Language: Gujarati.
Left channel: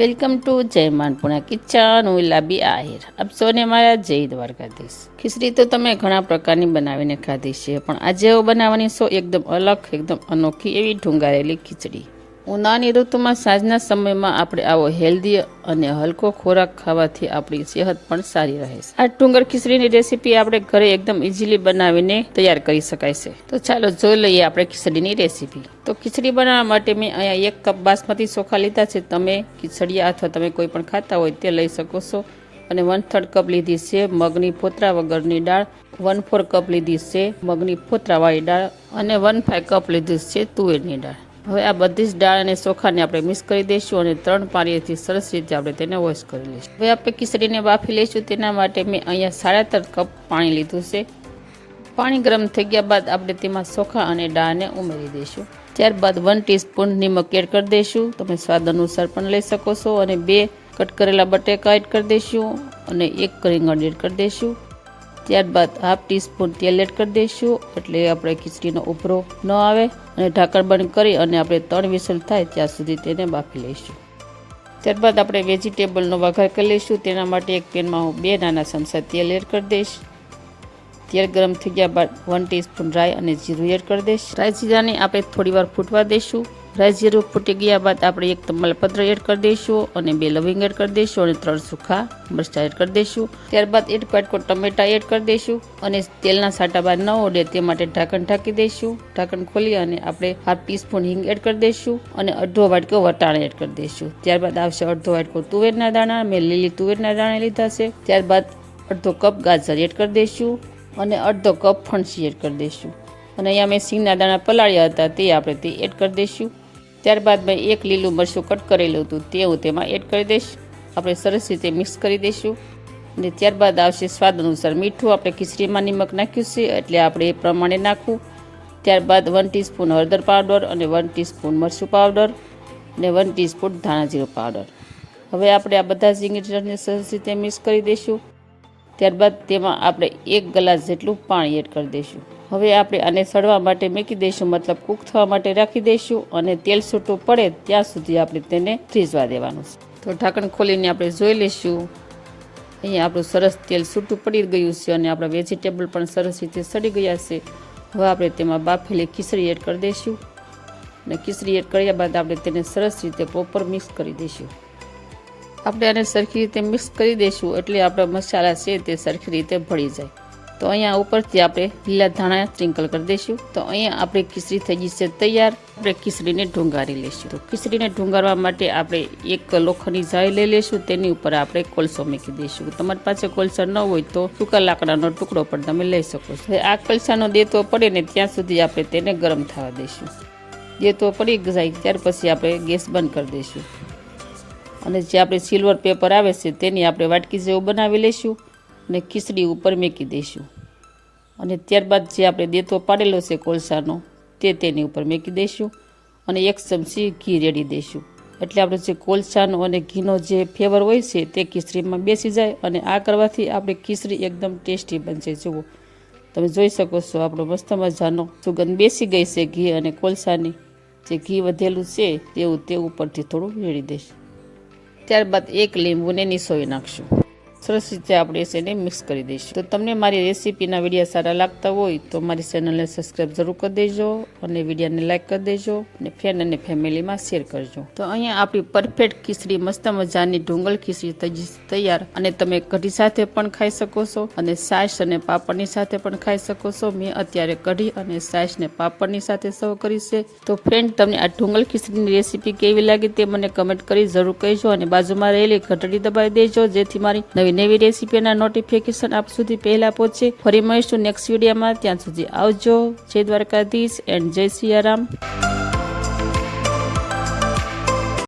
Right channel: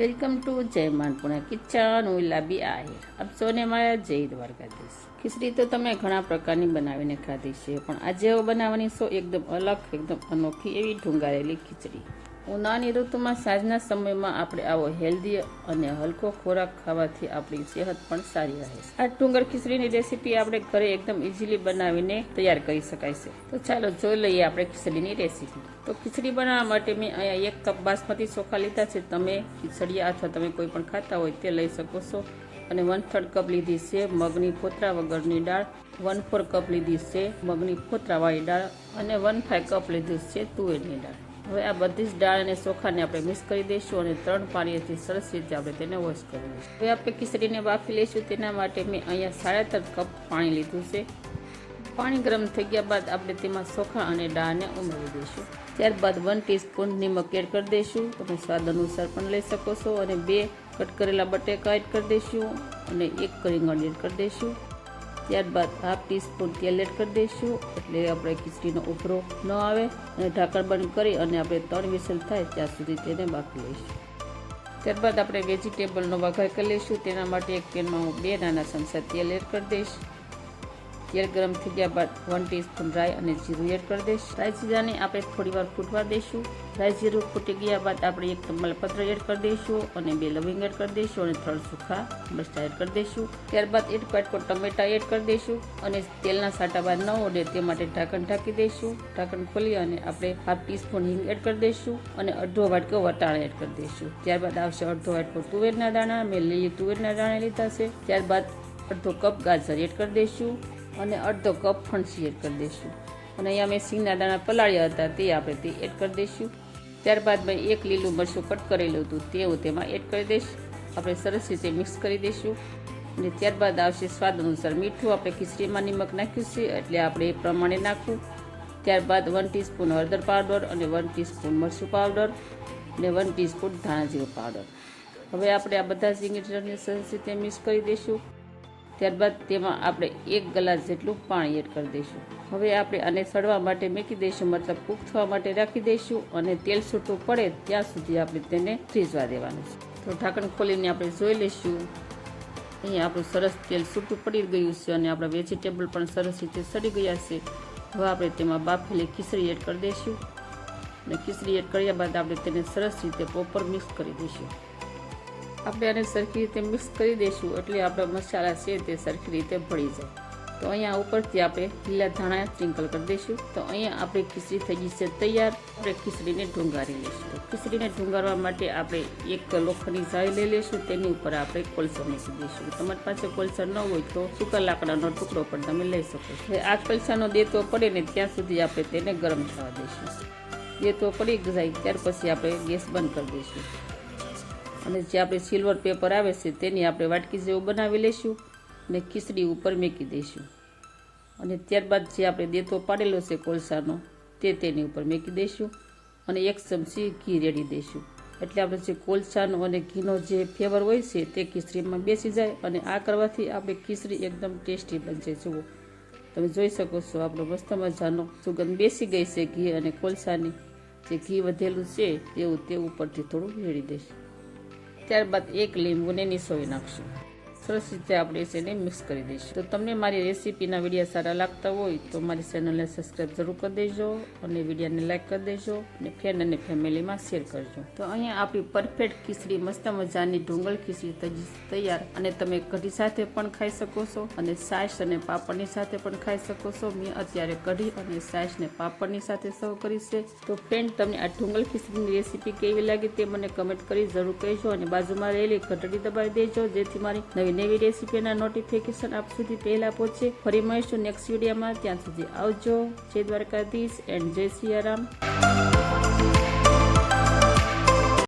वेलकम टू जय मानपुरा किचन હું લાબી આહિર આપ સૌને મારા જય દ્વારકાધીશ। ખીચડી તો તમે ઘણા પ્રકારની બનાવીને ખાધી છે, પણ આજે હું બનાવવાની છો એકદમ અલગ, એકદમ અનોખી એવી ઢુંગારેલી ખીચડી। ઉનાળાની ઋતુમાં સાંજના સમયમાં આપણે આવો હેલ્ધી અને હલકો ખોરાક ખાવાથી આપણી સેહત પણ સારી રહે છે। આ ડુંગર ખીચડીની રેસીપી આપણે ઘરે એકદમ ઇઝીલી બનાવીને તૈયાર કરી શકાય છે। તો ચાલો જોઈ લઈએ આપણે ખીચડીની રેસીપી। તો ખીચડી બનાવવા માટે મેં અહીંયા 1 કપ બાસમતી ચોખા લીધા છે। તમે ખીચડીયા અથવા તમે કોઈ પણ ખાતા હોય તે લઈ શકો છો। અને 1/3 કપ લીધી છે મગની ફોતરા વગરની દાળ, 1/4 કપ લીધી છે મગની ફોતરાવાળી દાળ અને 1/5 કપ લીધી છે તુવેરની દાળ। હવે આ બધી જ દાળ અને ચોખાને આપણે મિક્સ કરી દઈશું અને 3 પાણીથી સરસ રીતે આપણે તેને વોશ કરી લઈશું। હવે આપણે ખીચડીને બાફી લઈશું। તેના માટે મેં અહીંયા 3.5 કપ પાણી લીધું છે। પાણી ગરમ થઈ ગયા બાદ આપણે તેમાં ચોખા અને દાળને ઉમેરી દઈશું। ત્યારબાદ 1 ટીસ્પૂન નિમક એડ કરી દઈશું, તમે સ્વાદ અનુસાર પણ લઈ શકો છો। અને 2 કટ કરેલા બટેકા એડ કરી દઈશું અને 1 રીંગણ એડ કરી દઈશું। ત્યારબાદ 1/2 ટીસ્પૂન તેલ એડ કરી દઈશું, એટલે આપણે ખીચડીનો ઉભરો ન આવે। અને ઢાંકણ બંધ કરી અને આપણે 3 વિસલ થાય ત્યાં સુધી તેને બાફી લઈશું। ત્યારબાદ આપણે વેજીટેબલનો વઘાર કરી લઈશું। તેના માટે એક પેનમાં હું 2 નાના ચમચા તેલ એડ કરી દઈશ। તેલ ગરમ થઈ ગયા બાદ 1 ટીસ્પૂન રાઈ અને જીરું એડ કરી દઈશ। રાઈ જીરાને આપણે થોડી વાર ફૂટવા દઈશું। રાઈ જીરું ફૂટી ગયા બાદ આપણે 1 તમાલપત્ર એડ કરી દઈશું અને 2 લવિંગ એડ કરી દઈશું અને 3 સૂખા મરચાં એડ કરી દઈશું। ત્યારબાદ 1 વાટકો ટમેટા એડ કરી દઈશું અને તેલના સાટા બહાર ન ઉડે તે માટે ઢાંકણ ઢાંકી દઈશું। ઢાંકણ ખોલી અને આપણે 1/2 ટીસ્પૂન હિંગ એડ કરી દઈશું અને અડધો વાટકો વટાણા એડ કરી દઈશું। ત્યારબાદ આવશે અડધો વાટકો તુવેરના દાણા, મેં લીલી તુવેરના દાણા લીધા છે। ત્યારબાદ અડધો કપ ગાજર એડ કરી દઈશું અને અડધો કપ ફણસી એડ કરી દઈશું। અને અહીંયા મેં સિંગના દાણા પલાળ્યા હતા તે આપણે તે એડ કરી દઈશું। ત્યારબાદ મેં 1 લીલું મરચું કટ કરેલું હતું તે હું તેમાં એડ કરી દઈશ। આપણે સરસ રીતે મિક્સ કરી દઈશું અને ત્યારબાદ આવશે સ્વાદ અનુસાર મીઠું। આપણે ખીચડીમાં નિમક નાખ્યું છે એટલે આપણે એ પ્રમાણે નાખવું। ત્યારબાદ 1 ટીસ્પૂન હળદર પાવડર અને 1 ટીસ્પૂન મરચું પાવડર અને 1 ટીસ્પૂન ધાણા જીરું પાવડર। હવે આપણે આ બધા જ ઇન્ગ્રીડિયન્ટને સરસ રીતે મિક્સ કરી દઈશું। ત્યારબાદ તેમાં આપણે 1 ગ્લાસ જેટલું પાણી એડ કરી દઈશું। હવે આપણે આને સળવા માટે મૂકી દઈશું, મતલબ કૂક થવા માટે રાખી દઈશું અને તેલ છૂટું પડે ત્યાં સુધી આપણે તેને ફ્રીઝવા દેવાનું છે। તો ઢાંકણ ખોલીને આપણે જોઈ લઈશું। અહીંયા આપણું સરસ તેલ છૂટું પડી ગયું છે અને આપણા વેજીટેબલ પણ સરસ રીતે સડી ગયા છે। હવે આપણે તેમાં બાફેલી ખીચડી એડ કરી દઈશું અને ખીચડી એડ કર્યા બાદ આપણે તેને સરસ રીતે પ્રોપર મિક્સ કરી દઈશું। આપણે આને સરખી રીતે મિક્સ કરી દઈશું એટલે આપણા મસાલા છે તે સરખી રીતે ભળી જાય। તો અહીંયા ઉપરથી આપણે લીલા ધાણા સ્પ્રિંકલ કરી દઈશું। તો અહીંયા આપણી ખીચડી થઈ ગઈ છે તૈયાર। આપણે ખીચડીને ઢુંગારી લઈશું। તો ખીચડીને ઢુંગારવા માટે આપણે 1 લોખંડની જાળી લઈ લઈશું, તેની ઉપર આપણે કોલસો મૂકી દઈશું। તમારી પાસે કોલસા ન હોય તો સૂકા લાકડાનો ટુકડો પણ તમે લઈ શકો છો। આ કોલસાનો દેતો પડે ને ત્યાં સુધી આપણે તેને ગરમ થવા દઈશું। દેતો પડી જાય ત્યાર પછી આપણે ગેસ બંધ કરી દઈશું અને જે આપણે સિલ્વર પેપર આવે છે તેની આપણે વાટકી જેવું બનાવી લઈશું અને ખીચડી ઉપર મૂકી દઈશું અને ત્યારબાદ જે આપણે દેતો પાડેલો છે કોલસાનો તે તેની ઉપર મૂકી દઈશું અને 1 ચમચી ઘી રેડી દઈશું, એટલે આપણે જે કોલસાનો અને ઘીનો જે ફ્લેવર હોય છે તે ખીચડીમાં બેસી જાય અને આ કરવાથી આપણે ખીચડી એકદમ ટેસ્ટી બનશે। જુઓ તમે જોઈ શકો છો આપણો મસ્ત મજાનો સુગંધ બેસી ગઈ છે ઘી અને કોલસાની। જે ઘી વધેલું છે તેવું તે ઉપરથી થોડું રેડી દઈશું। ત્યારબાદ 1 લીંબુને નિસોવી નાખશું। સરસ રીતે આપણે એને મિક્સ કરી દઈશું। તો તમને મારી રેસીપીના વિડીયો સારા લાગતા હોય તો મારી ચેનલને સબસ્ક્રાઈબ જરૂર કરી દેજો અને વિડીયોને લાઇક કરી દેજો અને ફ્રેન્ડ અને ફેમિલીમાં શેર કરજો। તો અહીંયા આપણી પરફેક્ટ ખીચડી મસ્ત મજાની ઢુંગળ ખીચડી તૈયાર અને તમે કઢી સાથે પણ ખાઈ શકો છો અને છાશ અને પાપડની સાથે પણ ખાઈ શકો છો। મેં અત્યારે કઢી અને છાશ ને પાપડની સાથે સર્વ કરી છે। તો ફ્રેન્ડ તમને આ ઢુંગળ ખીચડીની રેસીપી કેવી લાગી તે મને કમેન્ટ કરી જરૂર કહેજો અને બાજુમાં રહેલી ઘંટડી દબાવી દેજો જેથી મારી નવી રેસીપીના નોટિફિકેશન આપ સુધી પહેલા પહોંચે। ફરી મળીશું નેક્સ્ટ વિડીયોમાં, ત્યાં સુધી આવજો। જય દ્વારકાધીશ એન્ડ જય સિયારામ।